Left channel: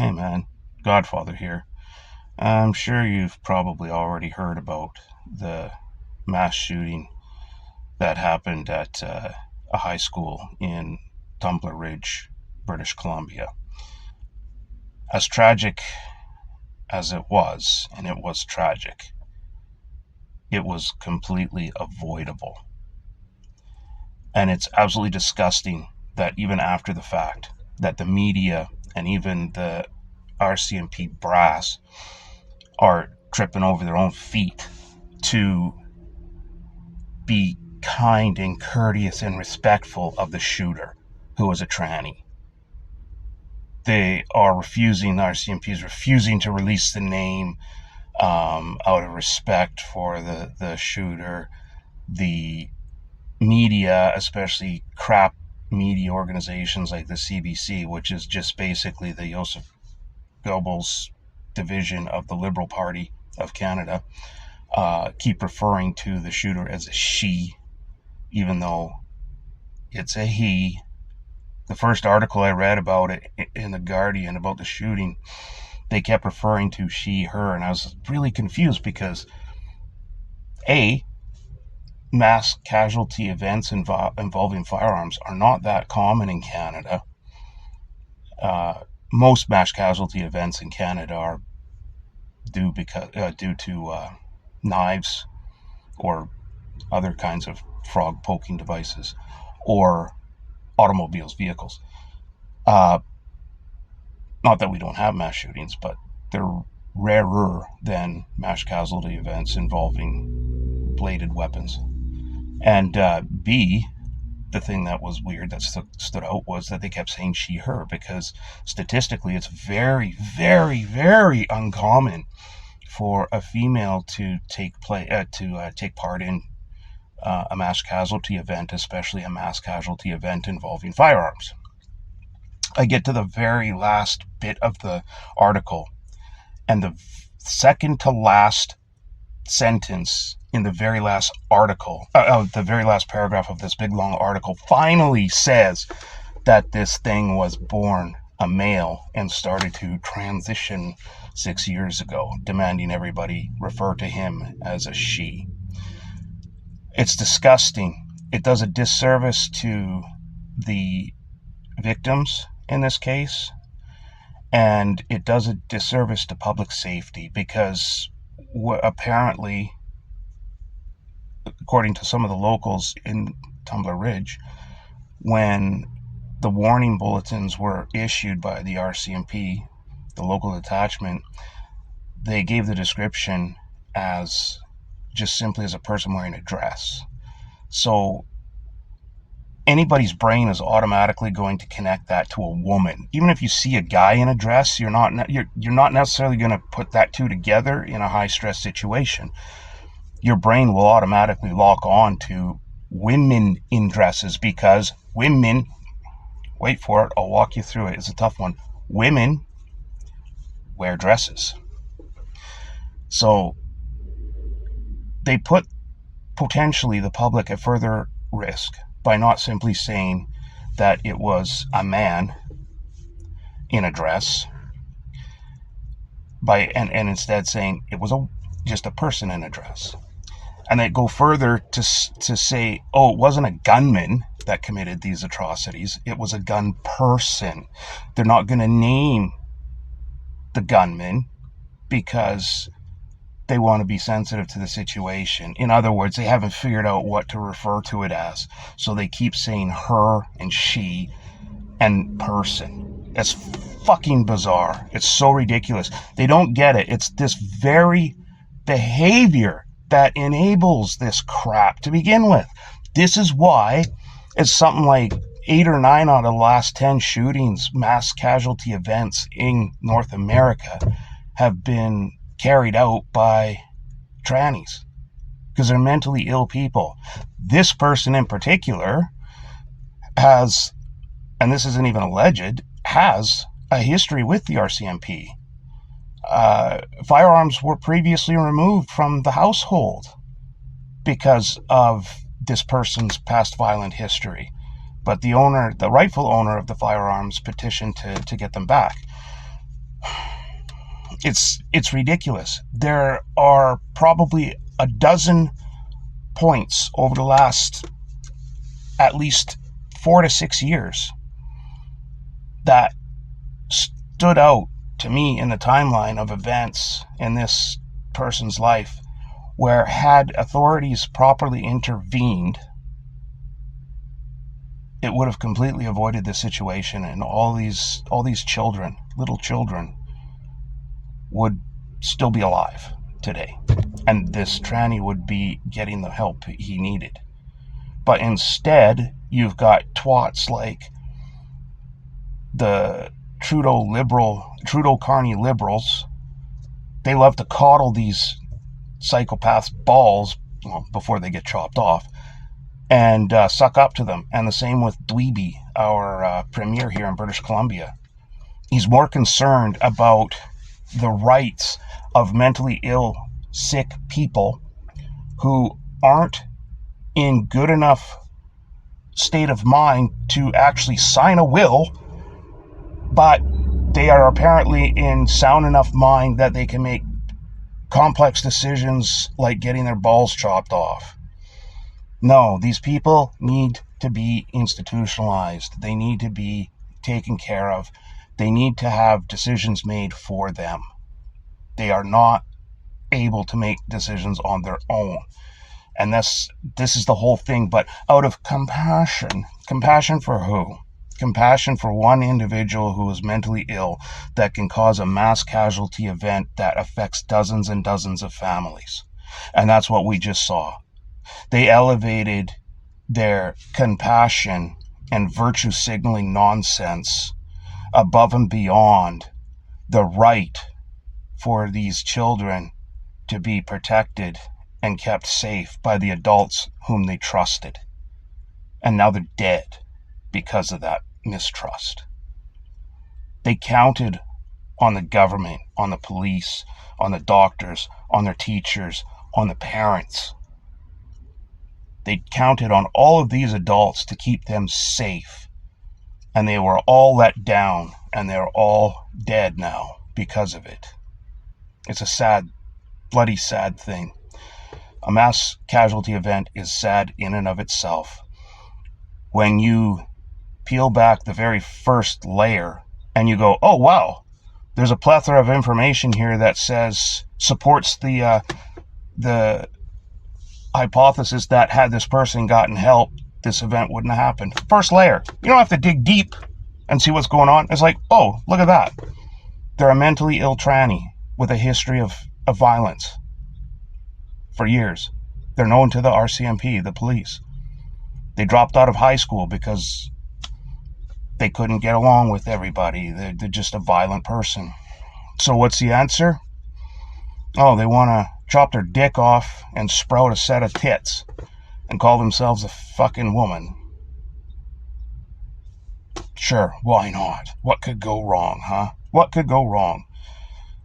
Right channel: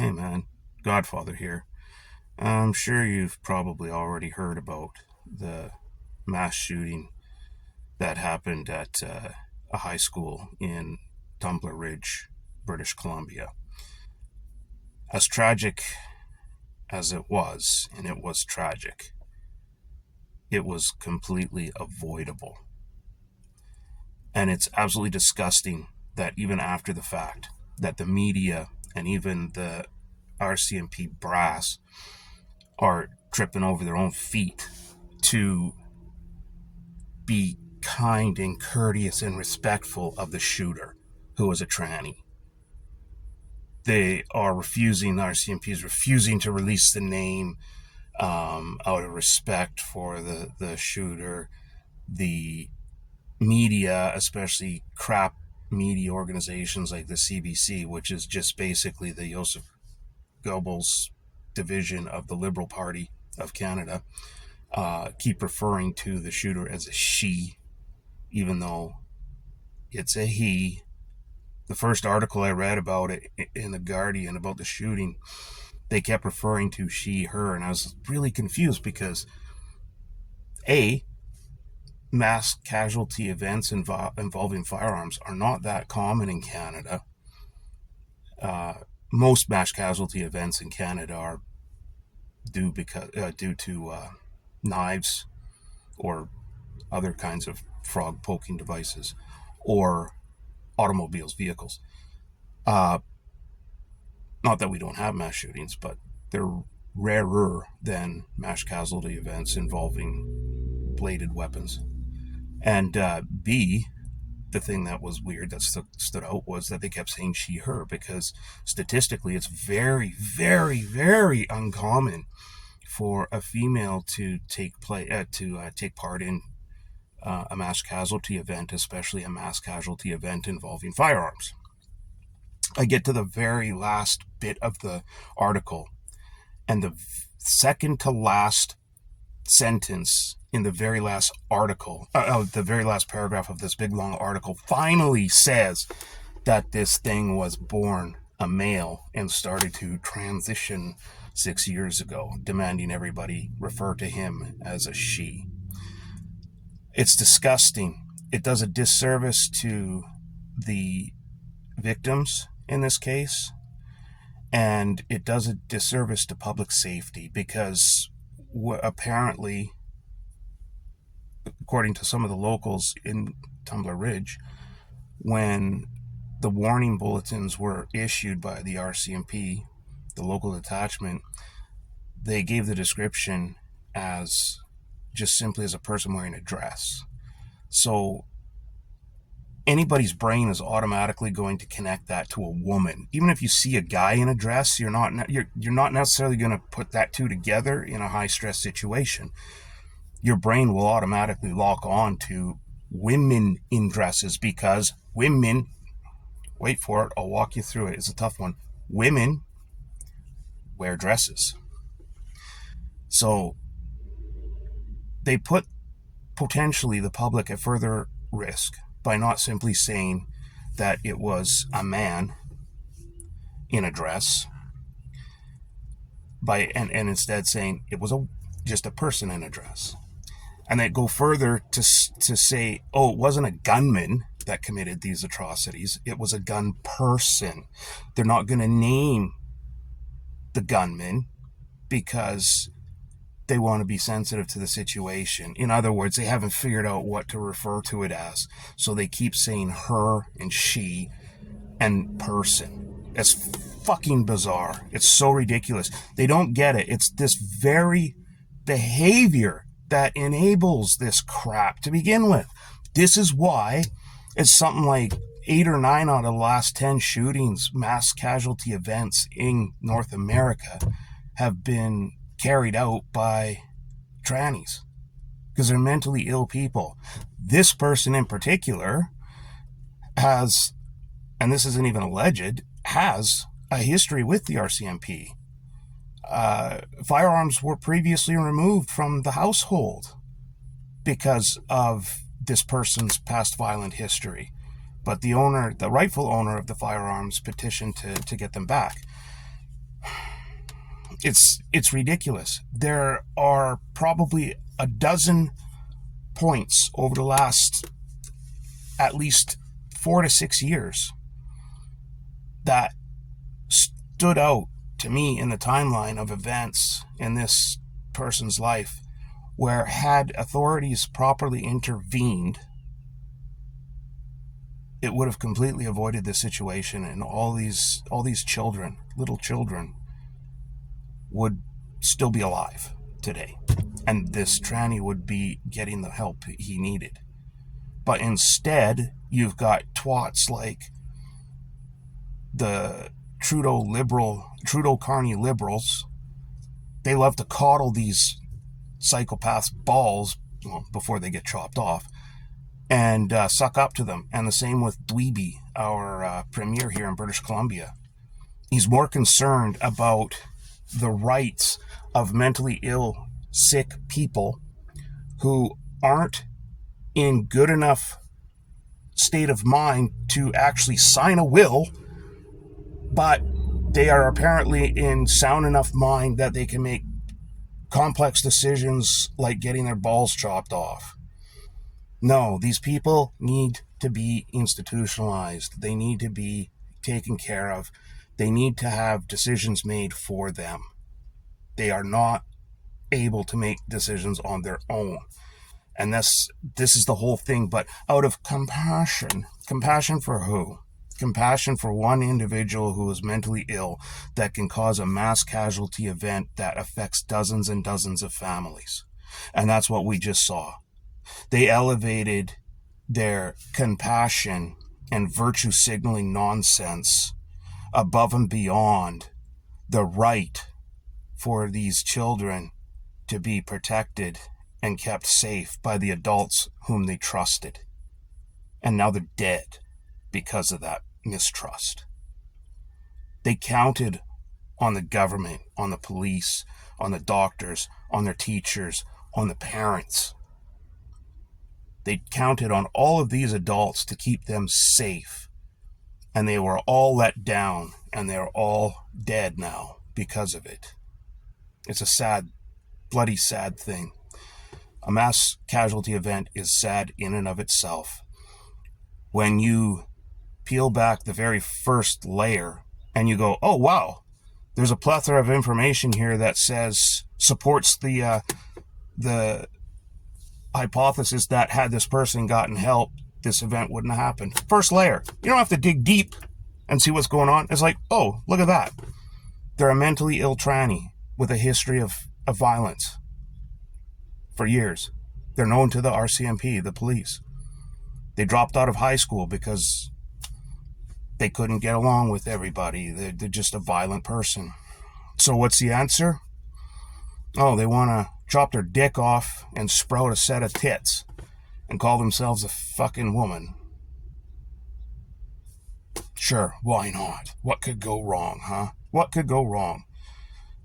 Hey man, Godfather here. I'm sure you've probably already heard about the mass shooting that happened at a high school in Tumbler Ridge, British Columbia. As tragic as it was, and it was tragic, it was completely avoidable. And it's absolutely disgusting that even after the fact, that the media and even the RCMP brass are tripping over their own feet to be kind and courteous and respectful of the shooter, who was a tranny. They are refusing, the RCMP is refusing to release the name out of respect for the shooter. The media, especially crap media organizations like the CBC, which is just basically the Joseph Goebbels division of the Liberal Party of Canada, keep referring to the shooter as a she, even though it's a he. The first article I read about it in The Guardian about the shooting, they kept referring to she, her, and I was really confused because A, mass casualty events involving firearms are not that common in Canada. Most mass casualty events in Canada are due to knives or other kinds of frog poking devices or automobiles, vehicles. Not that we don't have mass shootings, but they're rarer than mass casualty events involving bladed weapons. And B, the thing that was weird that stood out was that they kept saying she, her, because statistically it's very, very, very uncommon for a female to take part in a mass casualty event, especially a mass casualty event involving firearms. I get to the very last bit of the article, and the second to last sentence in the very last article, the very last paragraph of this big long article, finally says that this thing was born a male and started to transition 6 years ago, demanding everybody refer to him as a she. It's disgusting. It does a disservice to the victims in this case, and it does a disservice to public safety because apparently, according to some of the locals in Tumbler Ridge, when the warning bulletins were issued by the RCMP, the local detachment, they gave the description as just simply as a person wearing a dress. So anybody's brain is automatically going to connect that to a woman. Even if you see a guy in a dress, you're not necessarily going to put that two together in a high stress situation. Your brain will automatically lock on to women in dresses because women, wait for it, I'll walk you through it, it's a tough one. Women wear dresses. So they put potentially the public at further risk by not simply saying that it was a man in a dress, and instead saying it was just a person in a dress. And they go further to say, oh, it wasn't a gunman that committed these atrocities, it was a gun person. They're not going to name the gunman because they want to be sensitive to the situation. In other words, they haven't figured out what to refer to it as. So they keep saying her and she and person. It's fucking bizarre. It's so ridiculous. They don't get it. It's this very behavior that enables this crap to begin with. This is why it's something like 8 or 9 out of the last 10 shootings, mass casualty events in North America have been carried out by trannies because they're mentally ill people. This person in particular has, and this isn't even alleged, has a history with the RCMP. Firearms were previously removed from the household because of this person's past violent history. But the rightful owner of the firearms petitioned to get them back. It's ridiculous. There are probably a dozen points over the last at least 4 to 6 years that stood out to me in the timeline of events in this person's life where, had authorities properly intervened, it would have completely avoided this situation, and all these children, little children, would still be alive today, and this tranny would be getting the help he needed. But instead, you've got twats like the Trudeau Carney liberals. They love to coddle these psychopaths' balls, well, before they get chopped off, and suck up to them. And the same with Dweeby, our premier here in British Columbia. He's more concerned about the rights of mentally ill, sick people who aren't in good enough state of mind to actually sign a will, but they are apparently in sound enough mind that they can make complex decisions like getting their balls chopped off. No, these people need to be institutionalized. They need to be taken care of. They need to have decisions made for them. They are not able to make decisions on their own. And this is the whole thing. But out of compassion for who? Compassion for one individual who is mentally ill that can cause a mass casualty event that affects dozens and dozens of families. And that's what we just saw. They elevated their compassion and virtue signaling nonsense above and beyond the right for these children to be protected and kept safe by the adults whom they trusted. And now they're dead because of that mistrust. They counted on the government, on the police, on the doctors, on their teachers, on the parents. They counted on all of these adults to keep them safe. And they were all let down, and they're all dead now because of it. It's a sad, bloody sad thing. A mass casualty event is sad in and of itself. When you peel back the very first layer and you go, oh wow, there's a plethora of information here that supports the hypothesis that had this person gotten help, this event wouldn't have happened. First layer. You don't have to dig deep and see what's going on. It's like, oh, look at that. They're a mentally ill tranny with a history of violence for years. They're known to the RCMP, the police. They dropped out of high school because they couldn't get along with everybody. They're just a violent person. So what's the answer? Oh, they want to chop their dick off and sprout a set of tits and call themselves a fucking woman. Sure, why not? What could go wrong, huh? What could go wrong?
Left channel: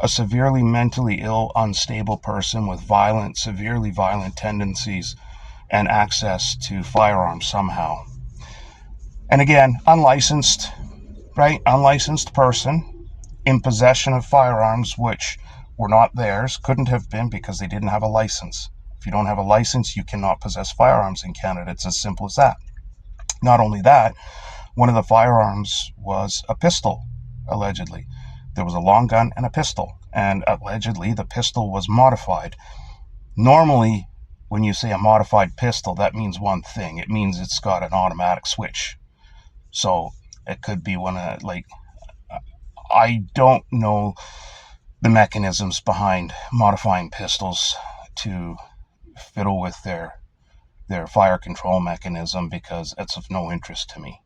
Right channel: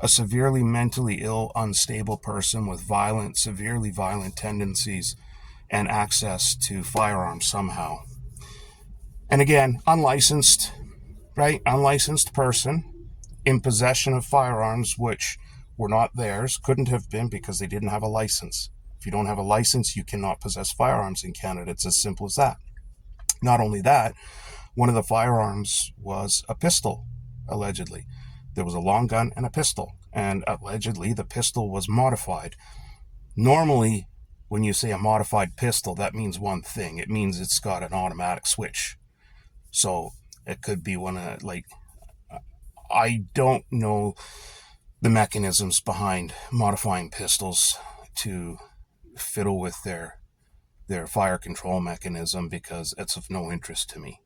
A severely mentally ill, unstable person with severely violent tendencies and access to firearms somehow. And again, unlicensed, right? Unlicensed person in possession of firearms which were not theirs, couldn't have been because they didn't have a license. If you don't have a license, you cannot possess firearms in Canada. It's as simple as that. Not only that, one of the firearms was a pistol, allegedly. There was a long gun and a pistol, and allegedly the pistol was modified. Normally, when you say a modified pistol, that means one thing. It means it's got an automatic switch. So it could be I don't know the mechanisms behind modifying pistols to fiddle with their fire control mechanism, because it's of no interest to me.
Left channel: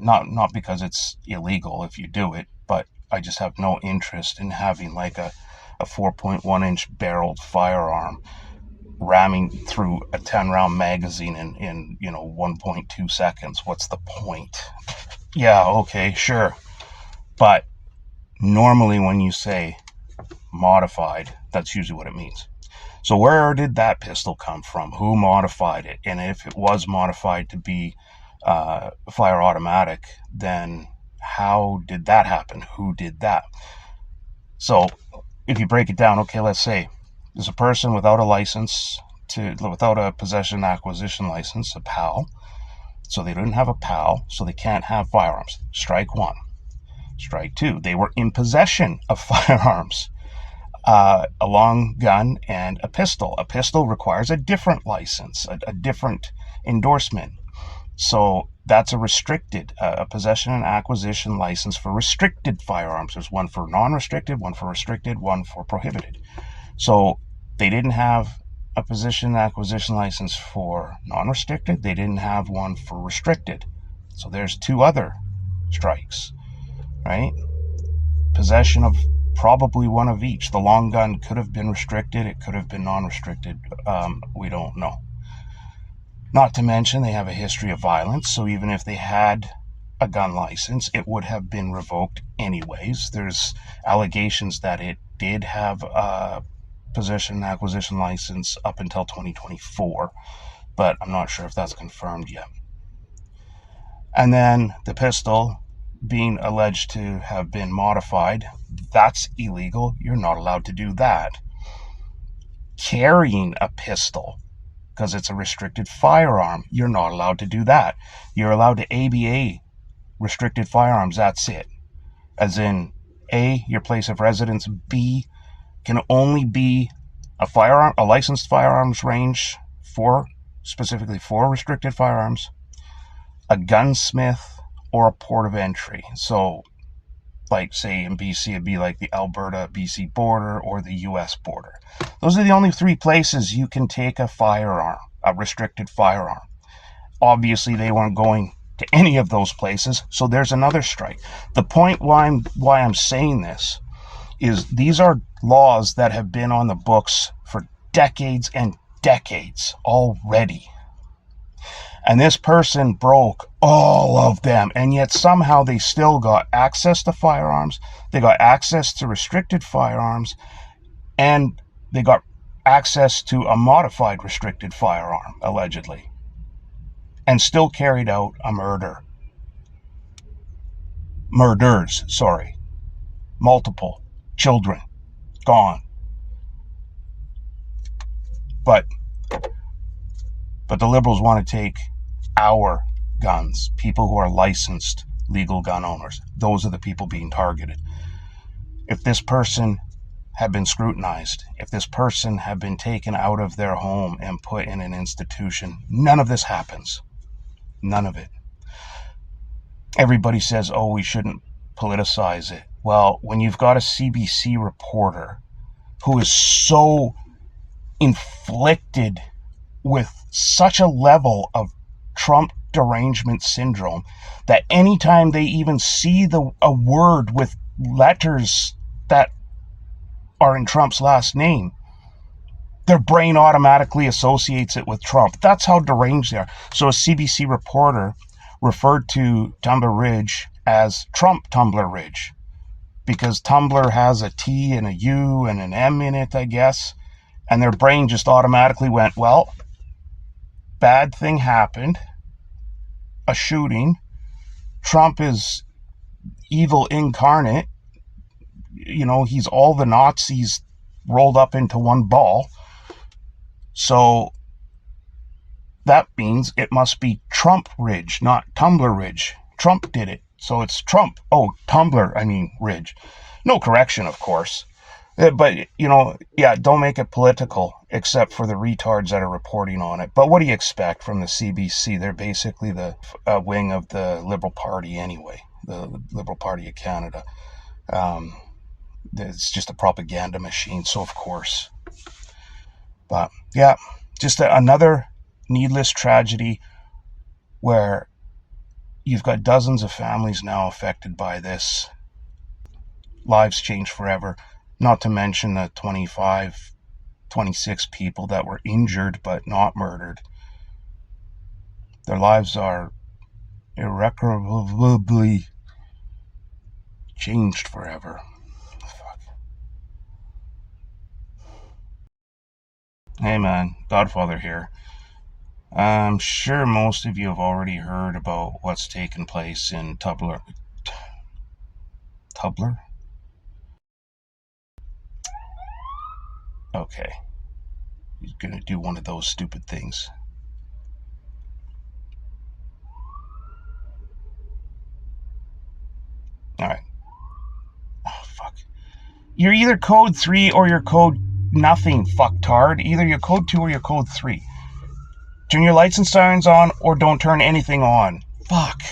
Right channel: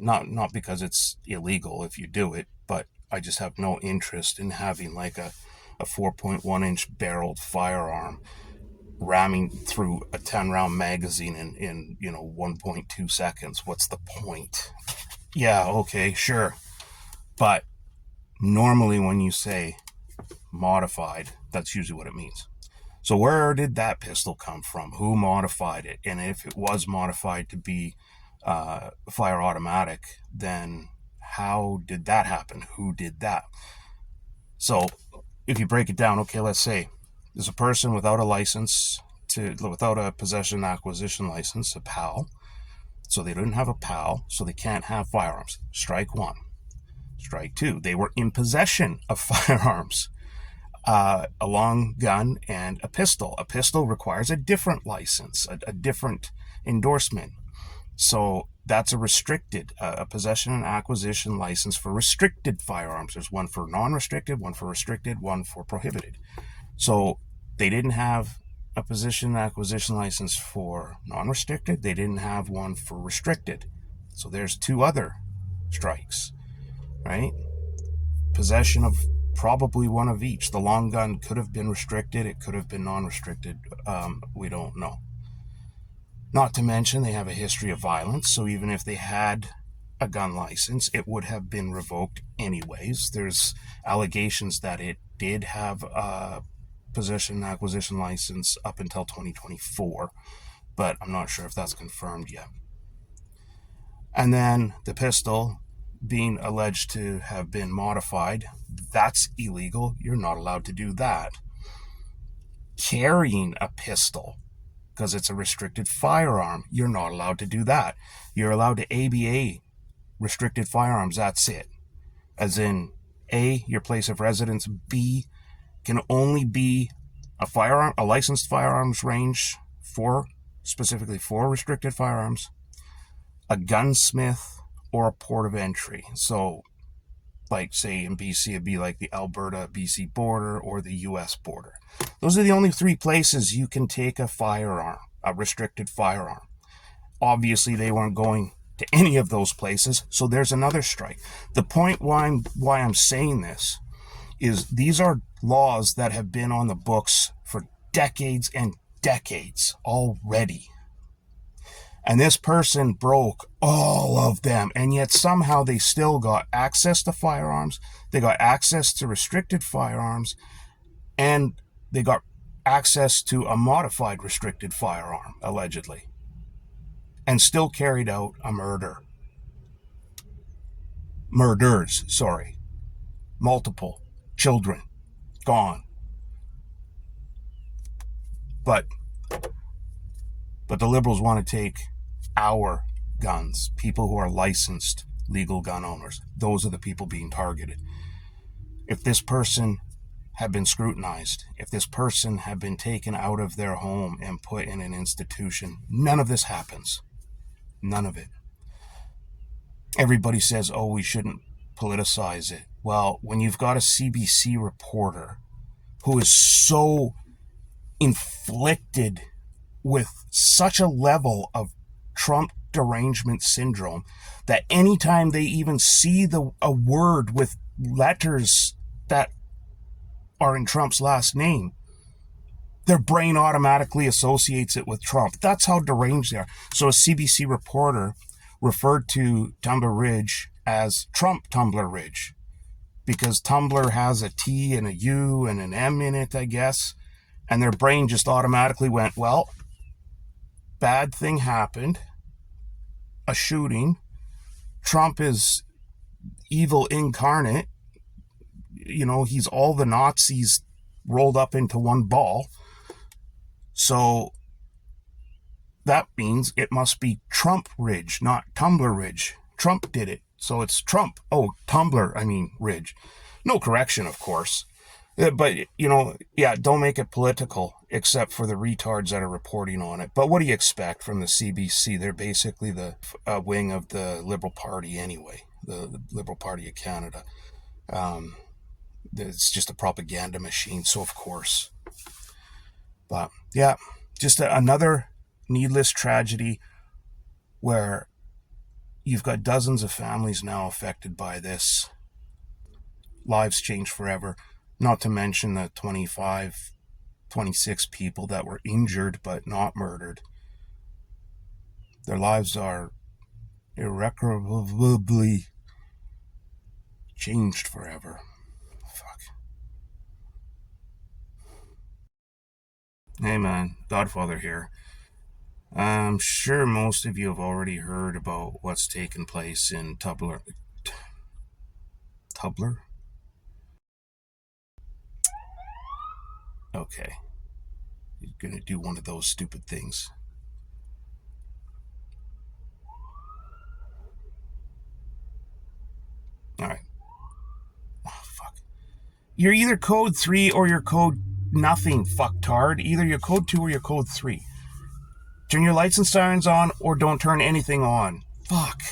Not because it's illegal if you do it, but I just have no interest in having like a 4.1 inch barreled firearm ramming through a 10-round magazine in 1.2 seconds. What's the point? Yeah, okay, sure. But normally when you say modified, that's usually what it means. So where did that pistol come from? Who modified it? And if it was modified to be fire automatic, then how did that happen? Who did that? So if you break it down, okay, let's say there's a person without a license without a possession acquisition license, a PAL. So they didn't have a PAL, so they can't have firearms. Strike one. Strike two, they were in possession of firearms, a long gun and a pistol. A pistol requires a different license, a different endorsement. So that's a restricted, a possession and acquisition license for restricted firearms. There's one for non-restricted, one for restricted, one for prohibited. So they didn't have a possession and acquisition license for non-restricted. They didn't have one for restricted. So there's two other strikes, right? Possession of probably one of each. The long gun could have been restricted. It could have been non-restricted. We don't know. Not to mention they have a history of violence, so even if they had a gun license, it would have been revoked anyways. There's allegations that it did have a possession and acquisition license up until 2024, but I'm not sure if that's confirmed yet. And then the pistol being alleged to have been modified, that's illegal. You're not allowed to do that. Carrying a pistol, because it's a restricted firearm, you're not allowed to do that. You're allowed to ABA restricted firearms, that's it. As in, A, your place of residence, B, can only be a licensed firearms range specifically for restricted firearms, a gunsmith, or a port of entry. So, like, say in BC, it'd be like the Alberta-BC border or the US border. Those are the only three places you can take a firearm, a restricted firearm. Obviously, they weren't going to any of those places, so there's another strike. The point why I'm saying this is these are laws that have been on the books for decades and decades already. And this person broke all of them, and yet somehow they still got access to firearms, they got access to restricted firearms, and they got access to a modified restricted firearm, allegedly, and still carried out a murders, multiple children gone. But the Liberals want to take our guns, people who are licensed legal gun owners. Those are the people being targeted. If this person had been scrutinized, if this person had been taken out of their home and put in an institution, none of this happens. None of it. Everybody says, oh, we shouldn't politicize it. Well, when you've got a CBC reporter who is so inflicted with such a level of Trump derangement syndrome that anytime they even see a word with letters that are in Trump's last name, their brain automatically associates it with Trump. That's how deranged they are. So a CBC reporter referred to Tumbler Ridge as Trump Tumbler Ridge because Tumbler has a T and a U and an M in it, I guess. And their brain just automatically went, well, bad thing happened, a shooting. Trump is evil incarnate. You know, he's all the Nazis rolled up into one ball. So that means it must be Trump Ridge, not Tumbler Ridge. Trump did it. So it's Trump. Oh, Ridge. No correction, of course. But, don't make it political, except for the retards that are reporting on it. But what do you expect from the CBC? They're basically the wing of the Liberal Party anyway, the Liberal Party of Canada. It's just a propaganda machine, so of course. But, yeah, just another needless tragedy where you've got dozens of families now affected by this. Lives changed forever. Not to mention the 26 people that were injured but not murdered. Their lives are irreparably changed forever. Fuck. Hey man, Godfather here. I'm sure most of you have already heard about what's taken place in Tumbler? Okay. You're going to do one of those stupid things. All right. Oh, fuck. You're either code 3 or you're code nothing, fucktard. Either you're code 2 or you're code 3. Turn your lights and sirens on or don't turn anything on. Fuck.